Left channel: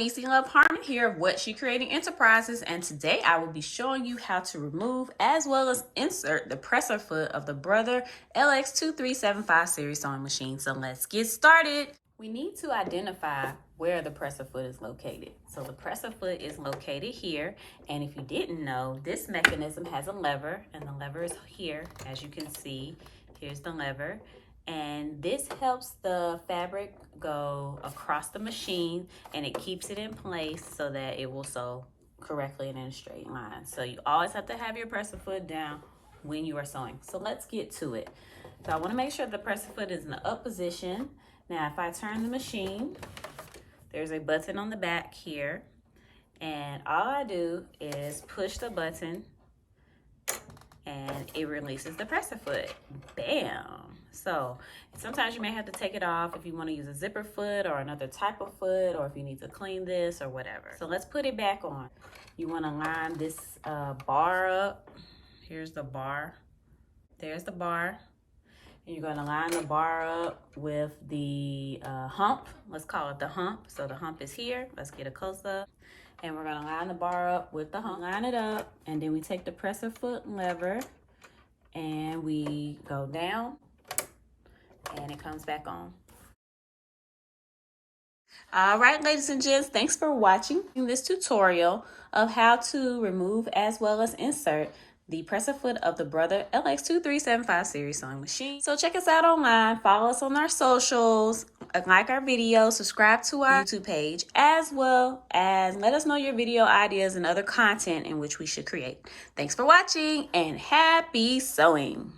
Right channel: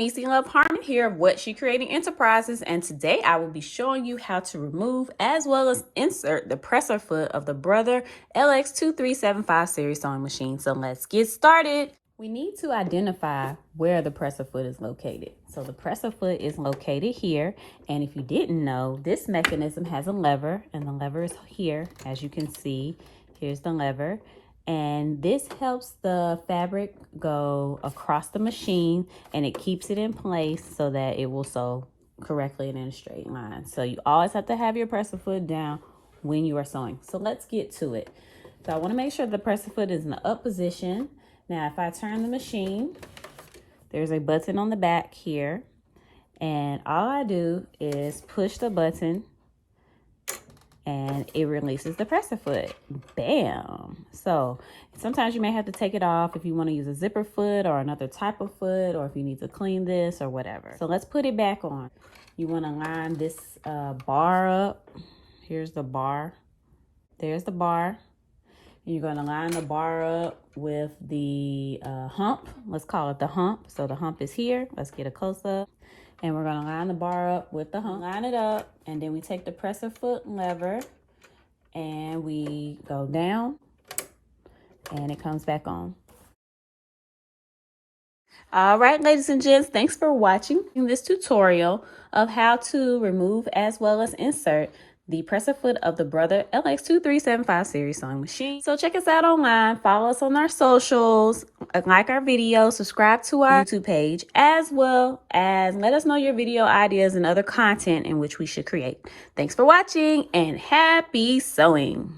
Niecy Love Harmon here of What She Creating Enterprises, and today I will be showing you how to remove as well as insert the presser foot of the Brother Lx2375 series sewing machine. So let's get started. We need to identify where the presser foot is located. So the presser foot is located here, and if you didn't know, this mechanism has a lever, and the lever is here. As you can see, here's the lever. And this helps the fabric go across the machine, and it keeps it in place so that it will sew correctly and in a straight line. So you always have to have your presser foot down when you are sewing. So let's get to it. So I want to make sure the presser foot is in the up position. Now if I turn the machine, there's a button on the back here, and all I do is push the button and it releases the presser foot. Bam! So sometimes you may have to take it off if you want to use a zipper foot or another type of foot, or if you need to clean this or whatever. So let's put it back on. You want to line this bar up. Here's the bar. There's the bar. You're going to line the bar up with the hump. Let's call it the hump. So the hump is here. Let's get a close-up. And we're going to line the bar up with the hump. Line it up, and then we take the presser foot lever and we go down, and it comes back on. All right, ladies and gents, thanks for watching this tutorial of how to remove as well as insert the presser foot of the Brother Lx2375 series sewing machine. So check us out online, follow us on our socials, like our videos, subscribe to our YouTube page, as well as let us know your video ideas and other content in which we should create. Thanks for watching, and happy sewing.